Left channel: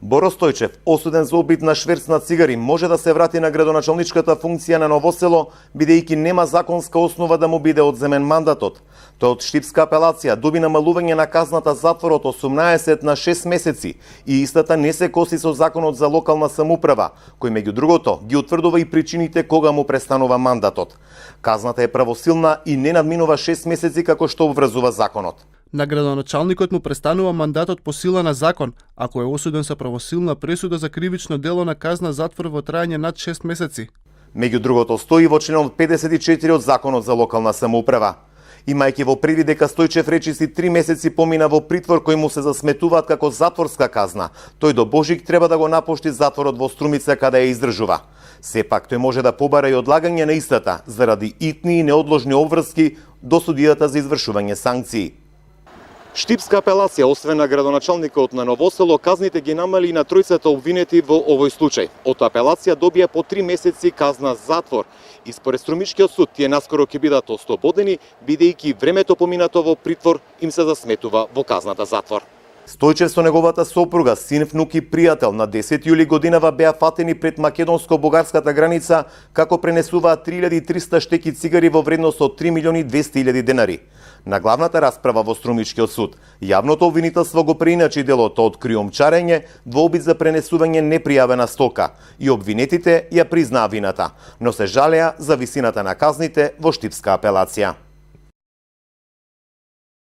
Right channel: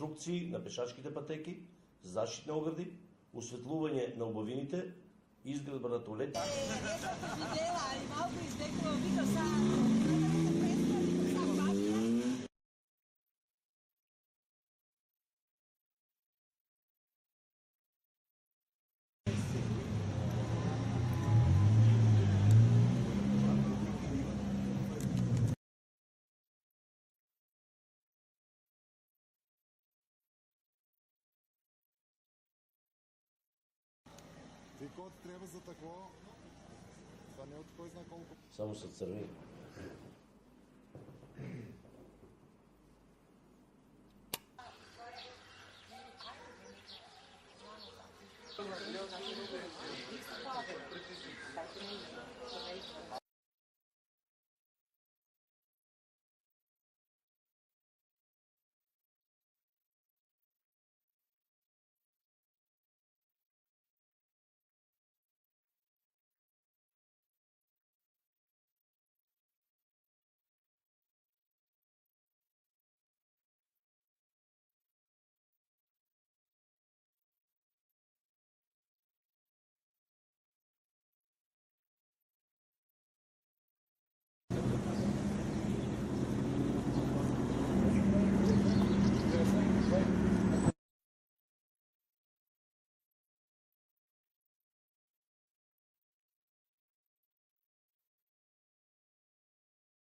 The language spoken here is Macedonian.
Боро Стојчев, осуден за обид на шверц на цигари, може да се врати на градоначалничката функција на Новосело, бидејќи нема законска основа да му биде одземен мандатот. Тој од Штипска апелација доби намалување на казната затвор од 18 на 6 месеци и истата не се коси со законот за локална самоуправа, кој меѓу другото ги утврдува и причините кога му престанува мандатот. Казната е правосилна и не надминува 6 месеци како што обврзува законот. На градоначалникот му престанува мандатот по сила на закон, ако е осуден со правосилна пресуда за кривично дело на казна затвор во трајање над 6 месеци. Меѓу другото стои во членот 54 од законот за локална самоуправа. Имајќи во предвид дека Стојчев речиси 3 месеци помина во притвор кој му се засметуваат како затворска казна, тој до Божик треба да го напушти затворот во Струмица каде ја издржува. Сепак тој може да побара и одлагање на истата заради итни и неодложни обврски до судијата за извршување санкции. Штипска апелација, освен на градоначалникот на Новосело, казните ги намали и на тројцата обвинети во овој случај. Од апелација добија по 3 месеци казна затвор. И според Струмичкиот суд, тие наскоро ќе бидат ослободени, бидејќи времето поминато во притвор им се засметува во казната затвор. Стојчев со неговата сопруга, син, внук и пријател на 10 јули годинава беа фатени пред македонско-бугарската граница како пренесуваат 3300 штеки цигари во вредност од 3.200.000 денари. На главната расправа во Струмичкиот суд, јавното обвинителство го преиначи делото од криумчарење во обид за пренесување непријавена стока и обвинетите ја признаа вината, но се жалеа за висината на казните во Штипска апелација.